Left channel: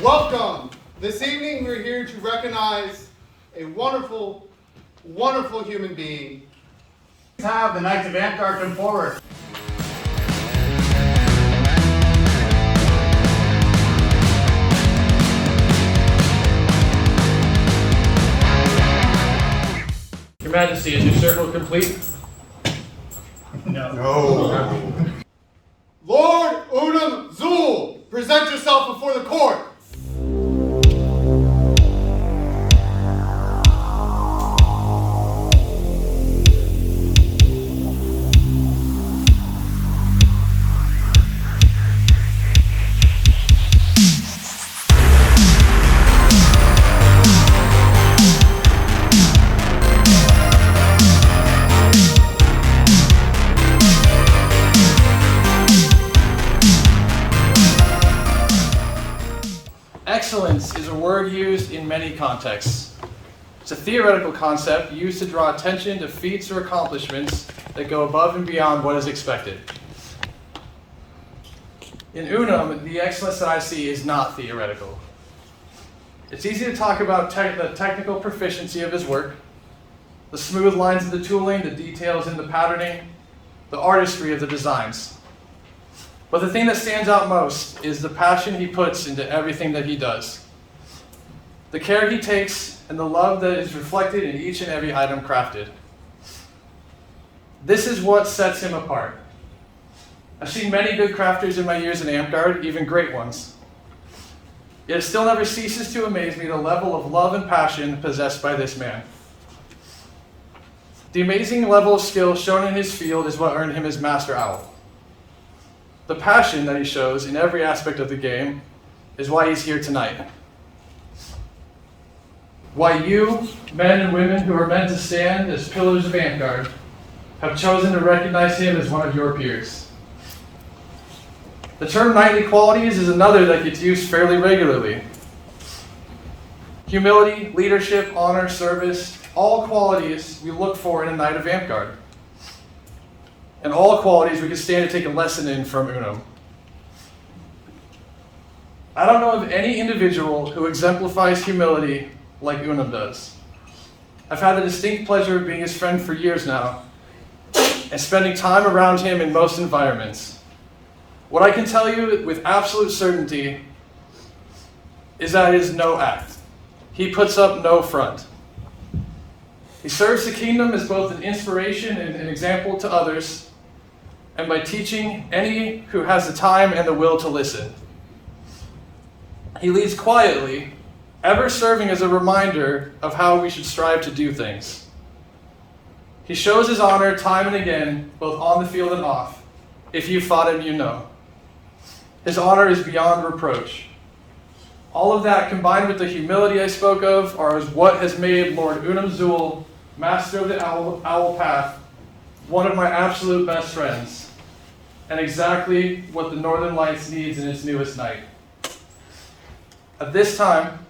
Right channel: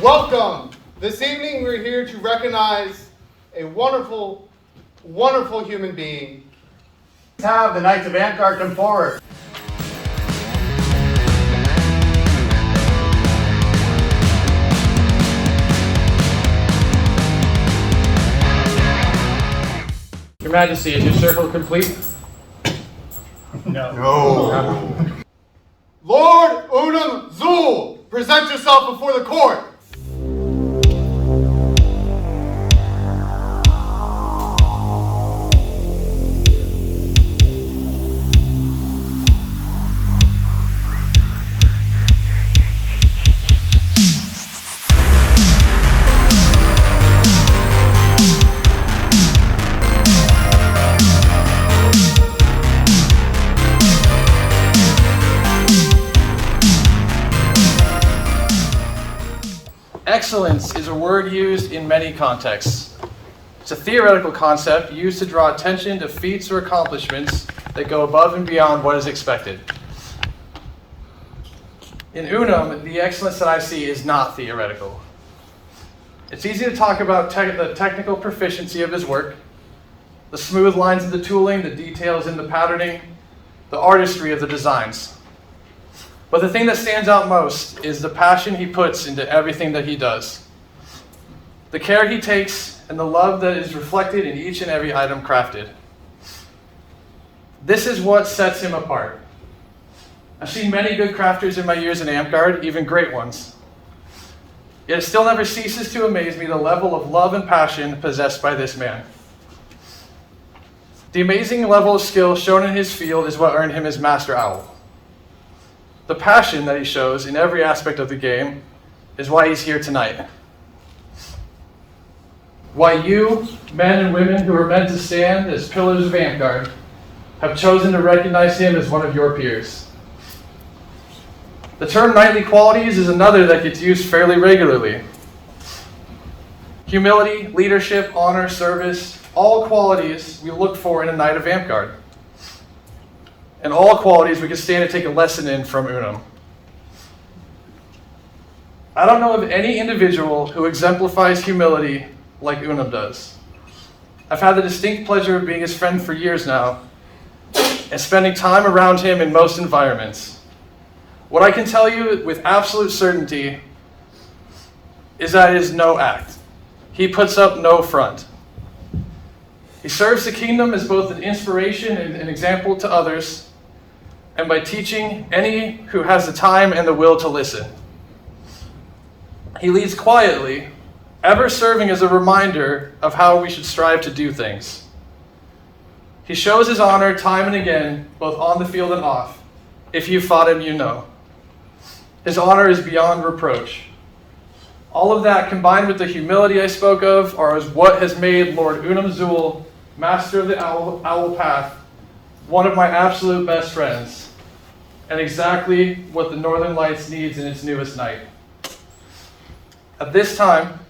Welcome! This evening we're here to recognize a wonderful, wonderful human being. Let's have the Knights of Amtgard come forward. Your Majesty, is your circle complete? No. Lord Unum Zul, present yourself before the court. Excellence is a word used in many contexts. It's a theoretical concept used to draw attention to feats or accomplishments that go above and beyond what is expected. In Unum, the excellence that I see is not theoretical. It's easy to talk about the technical proficiency of his work, the smooth lines of the tooling, the details in the patterning, the artistry of the designs. But the thing that stands out most is the passion he puts into everything that he does. The care he takes and the love that is reflected in each and every item crafted. This is what sets him apart. I've seen many good crafters in my years in Amtgard, even great ones. Yet it still never ceases to amaze me the level of love and passion possessed by this man. The amazing level of skill shown in his field is what earned him his Master Owl. The passion that he shows in every aspect of the game is why he's here tonight. Why you, men and women who are meant to stand as pillars of Amtgard, have chosen to recognize him as one of your peers. The term knightly qualities is another that gets used fairly regularly. Humility, leadership, honor, service, all qualities we look for in a knight of Amtgard. And all qualities we can stand to take a lesson in from Unum. I don't know of any individual who exemplifies humility like Unum does. I've had the distinct pleasure of being his friend for years now, and spending time around him in most environments. What I can tell you with absolute certainty is that it is no act. He puts up no front. He serves the kingdom as both an inspiration and an example to others, and by teaching any who has the time and the will to listen. He leads quietly, ever serving as a reminder of how we should strive to do things. He shows his honor time and again, both on the field and off. If you fought him, you know. His honor is beyond reproach. All of that combined with the humility I spoke of are what has made Lord Unum Zul, Master of the Owl Path, one of my absolute best friends, and exactly what the Northern Lights needs in its newest knight. At this time,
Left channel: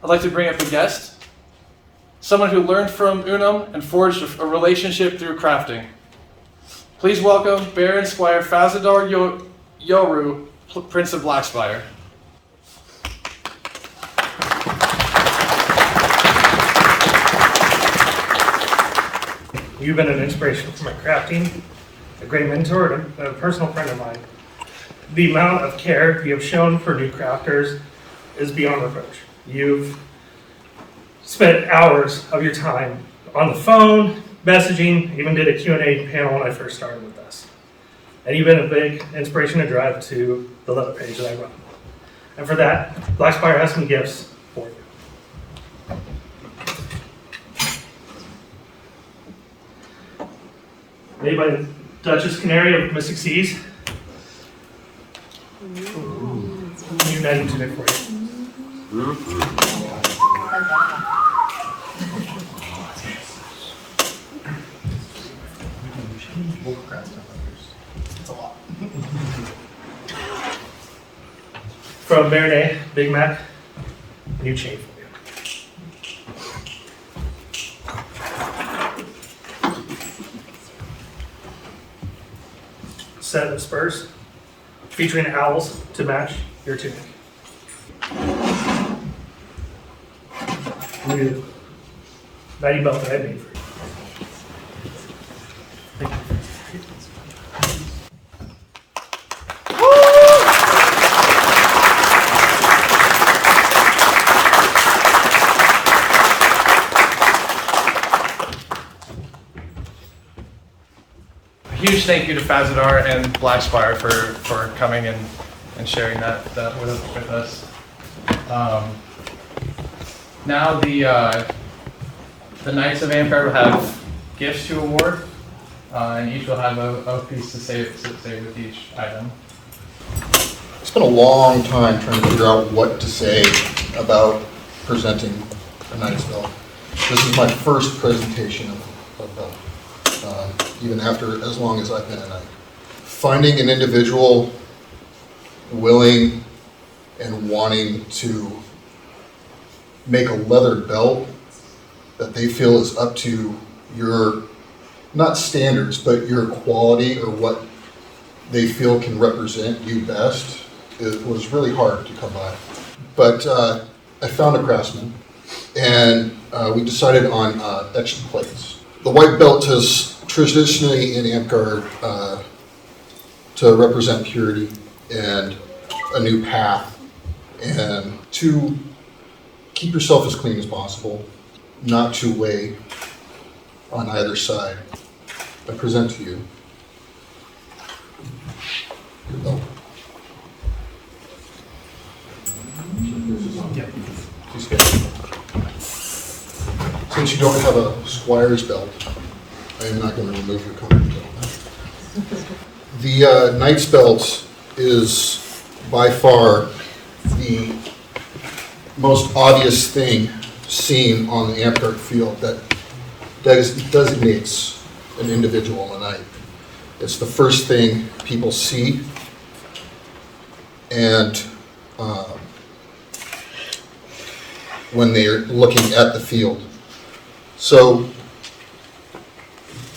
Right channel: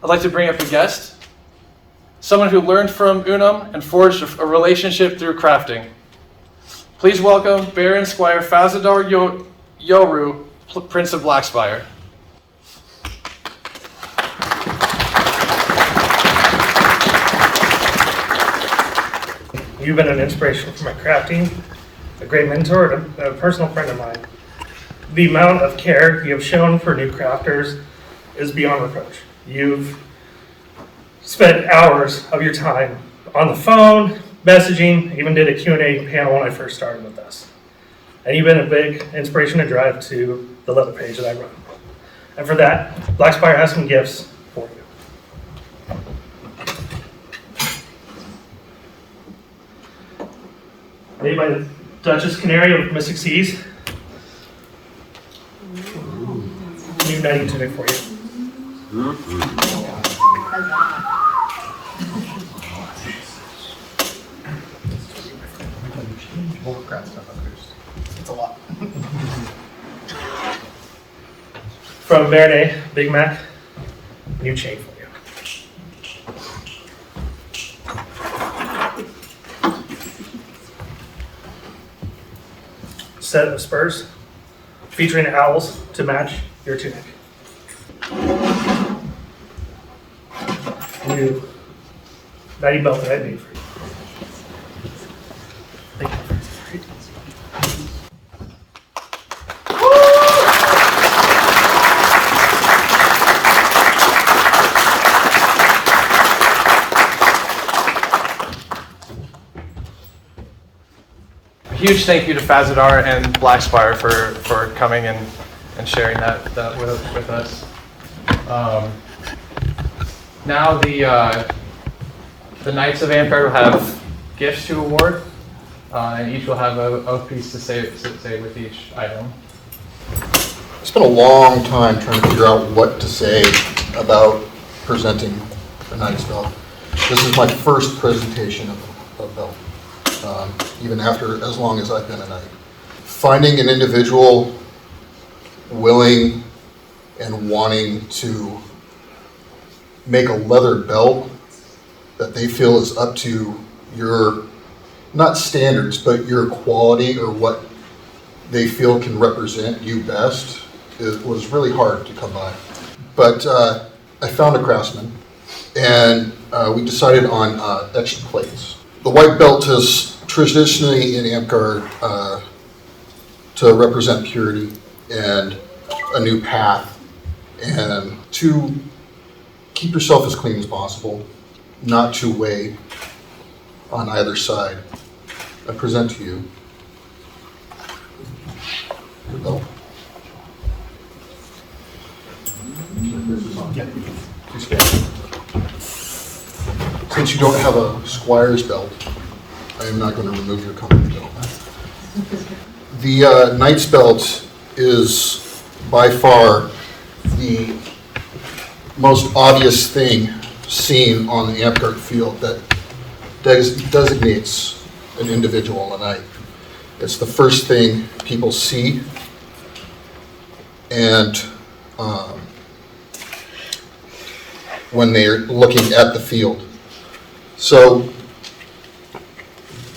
I'd like to bring up a guest, someone who learned from Unum and forged a relationship through crafting. Please welcome Baron Squire Fazadar Yoru, Prince of Blackspire. You've been an inspiration for my crafting, a great mentor, and a personal friend of mine. The amount of care you have shown for new crafters is beyond reproach. You've spent hours of your time on the phone, messaging, even did a Q&A panel when I first started with us. And you've been a big inspiration to drive to the leather page that I run. And for that, Blackspire has some gifts for you. Made by the Duchess Canary of Mystic Seas. New knighting tunic for you. It's a lot. From Baronet, Big Mac, new chain for you. set of spurs featuring owls to match your tunic. New knightly belt that I made for you. Thank you. Huge thank you to Fazadar and Blackspire for coming and sharing that with us. Now the Knights of Amtgard will have gifts to award, and each will have a piece to say with each item. I spent a long time trying to figure out what to say about presenting a Knight's Belt. This is my first presentation of a belt, even after as long as I've been a Knight. Finding an individual willing and wanting to make a leather belt that they feel is up to your, not standards, but your quality or what they feel can represent you best, was really hard to come by. But I found a craftsman, and we decided on etched plates. The white belt is traditionally in Amtgard to represent purity and a new path, and to keep yourself as clean as possible, not to weigh on either side. I present to you your belt. Since you don't have a squire's belt, I am not going to remove your company belt. The Knight's belt is by far the most obvious thing seen on the Amtgard field that designates an individual a knight. It's the first thing people see, and when they're looking at the field. So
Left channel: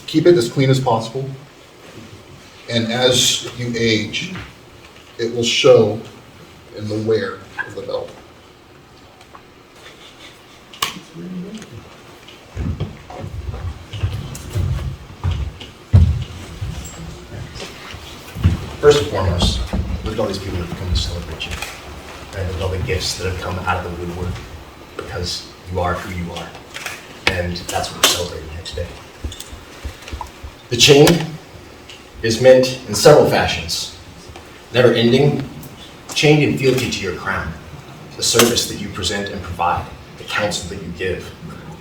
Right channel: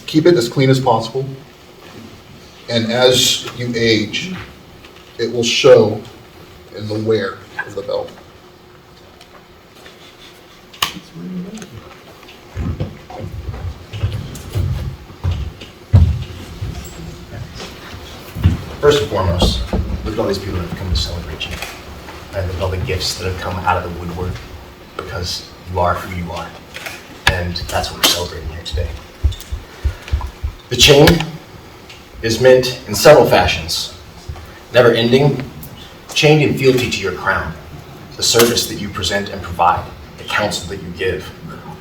keep it as clean as possible, and as you age, it will show in the wear of the belt. First and foremost, look at all these people that have come to celebrate you. And look at all the gifts that have come out of the woodwork, because you are who you are. And that's what we're celebrating here today. The chain is meant in several fashions. Never ending, chained in fealty to your crown, the service that you present and provide, the counsel that you give.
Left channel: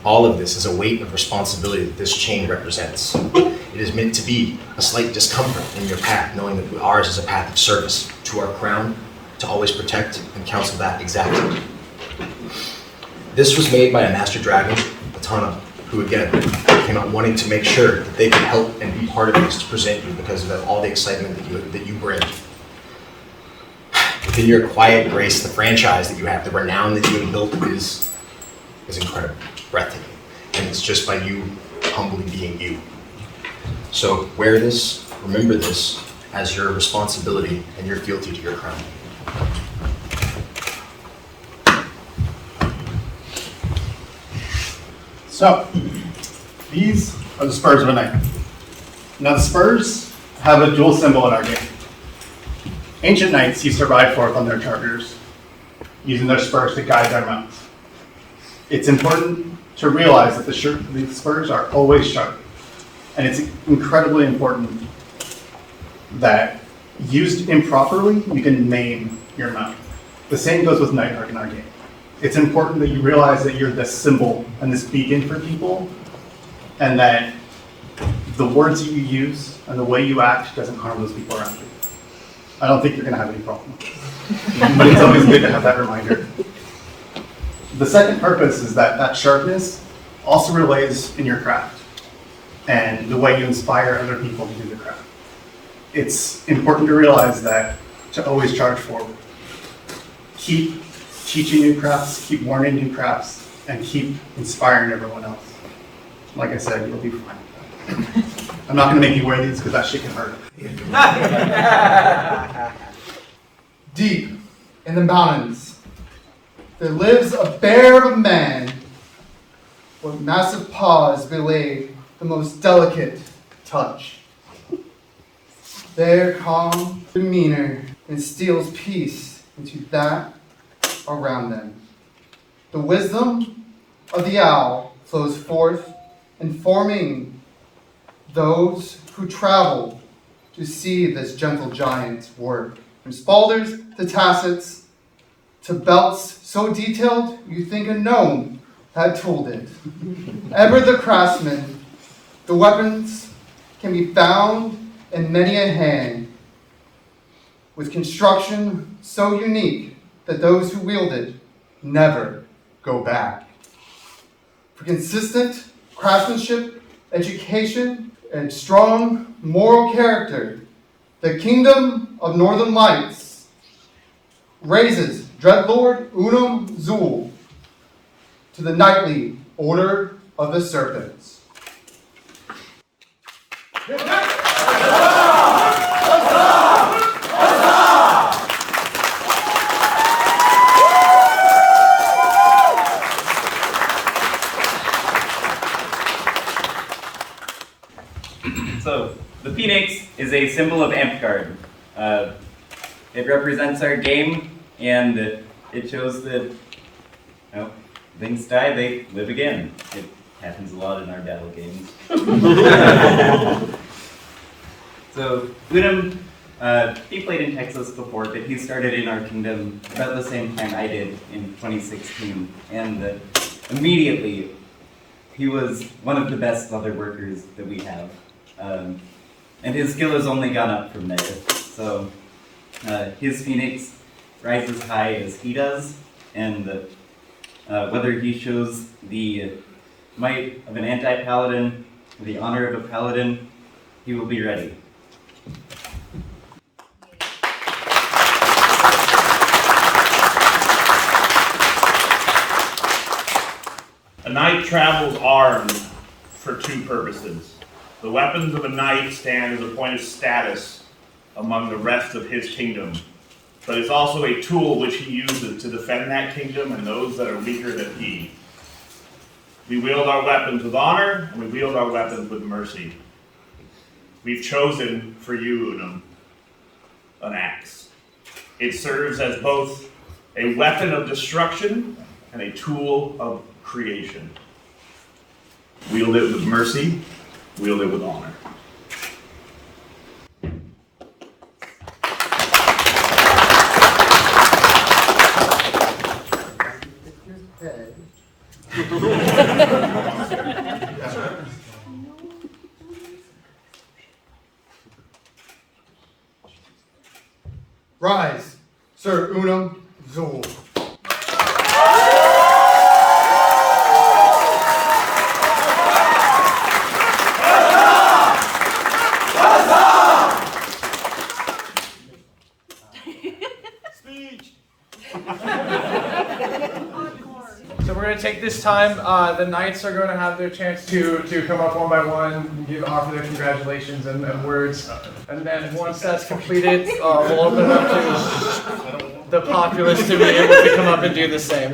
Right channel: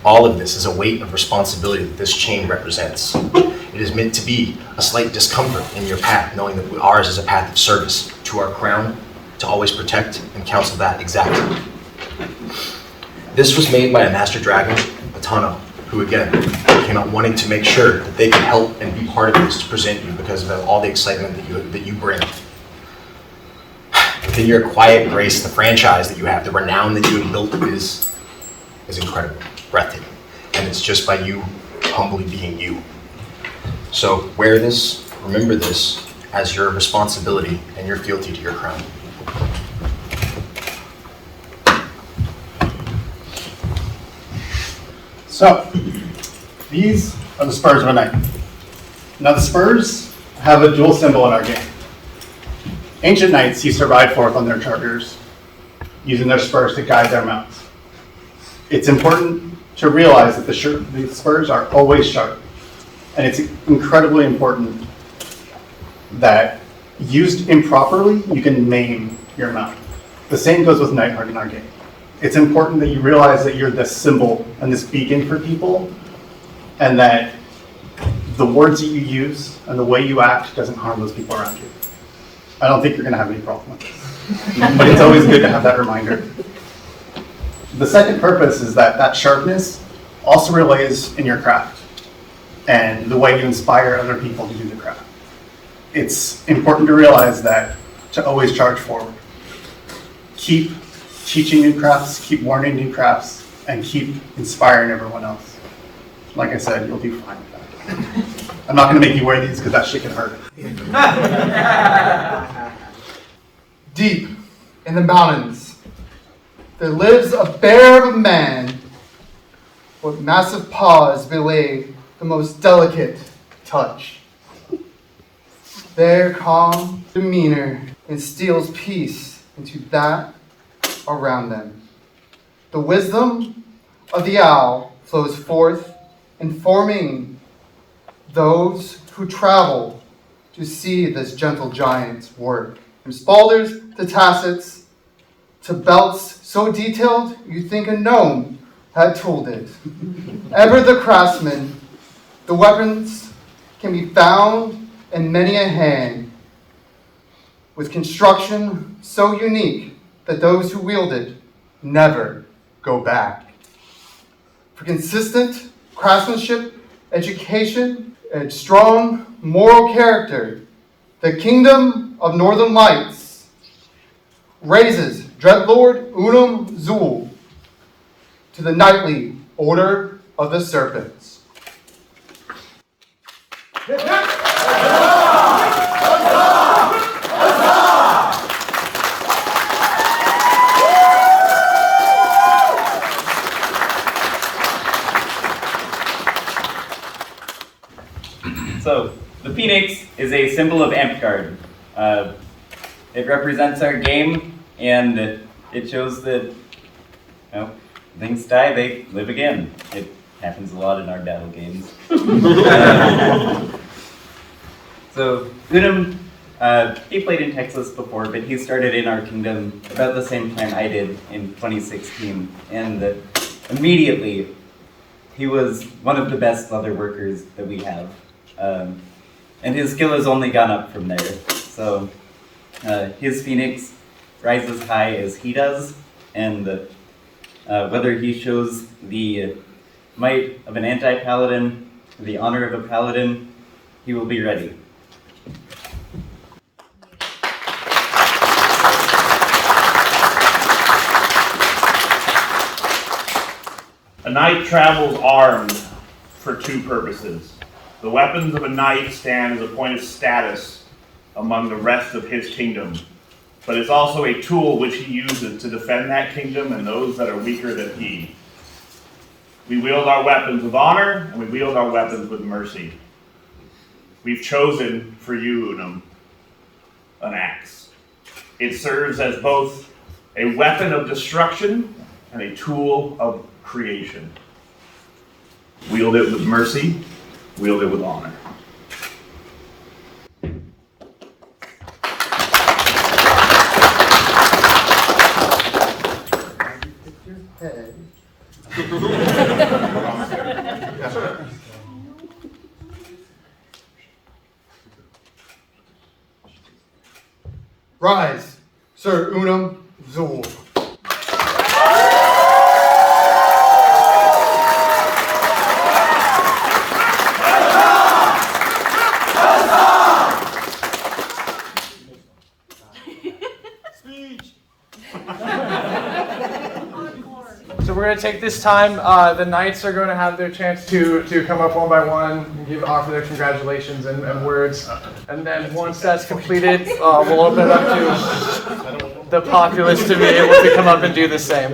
All of this is a weight of responsibility that this chain represents. It is meant to be a slight discomfort in your path, knowing that ours is a path of service to our crown, to always protect and counsel that exactly. This was made by a master dragon, Atano, who again came out wanting to make sure that they could help and be part of this to present you because of all the excitement that you bring. Within your quiet grace, the franchise that you have, the renown that you have built is incredible, breathtaking. And it's just by you humbly being you. So wear this, remember this as your responsibility and your fealty to your crown. So, these are the spurs of a knight. Now the spurs have a dual symbol in our game. Ancient knights used to ride forth on their chargers, using their spurs to guide their mounts. It's important to realize that the spurs are always sharp, and it's incredibly important that used improperly, you can maim your mount. The same goes with Knighthood in our game. It's important that you realize that you're this symbol and this beacon for people, and that the words that you use and the way you act doesn't harm those people around you. I don't think you're going to have any problem with this, but it's always good to have that reminder. The second purpose is that sharpness also relays in your craft and the way you inspire other people to do the craft. It's important to realize that to always charge forward. Keep teaching new crafts, keep learning new crafts, and keep inspiring everyone else. Like I said, you'll do fine with that. I'm not going to make you wear these because that shit can hurt. Deep in the mountains, there lives a bear of a man, with massive paws belay the most delicate touch. Their calm demeanor instills peace into that around them. The wisdom of the owl flows forth, informing those who travel to see this gentle giant work. From spalders to tassets to belts so detailed you think a gnome had tooled it. Ever the craftsman, the weapons can be found in many a hand, with construction so unique that those who wield it never go back. For consistent craftsmanship, education, and strong moral character, the Kingdom of Northern Lights raises Dreadlord Unum Zul to the Knightly Order of the Serpents. So, the phoenix is a symbol of Amtgard. It represents our game, and it shows that, you know, things die, they live again. It happens a lot in our battle games. So, Unum, he played in Texas before, but he started in our kingdom about the same time I did in 2016, and immediately he was one of the best leather workers that we have. And his skill has only gone up from there. So his phoenix rises high as he does, and whether he shows the might of an anti-paladin, or the honor of a paladin, he will be ready. A knight travels armed for two purposes. The weapons of a knight stand as a point of status among the rest of his kingdom, but it's also a tool which he uses to defend that kingdom and those that are weaker than he. We wield our weapons with honor, and we wield our weapons with mercy. We've chosen for you, Unum, an axe. It serves as both a weapon of destruction and a tool of creation. Wield it with mercy, wield it with honor. Rise, Sir Unum Zul. So we're going to take this time. The knights are going to have their chance to come up one by one and offer their congratulations and words. And then once that's completed, we'll open it up to the populace to be able to come up and do the same.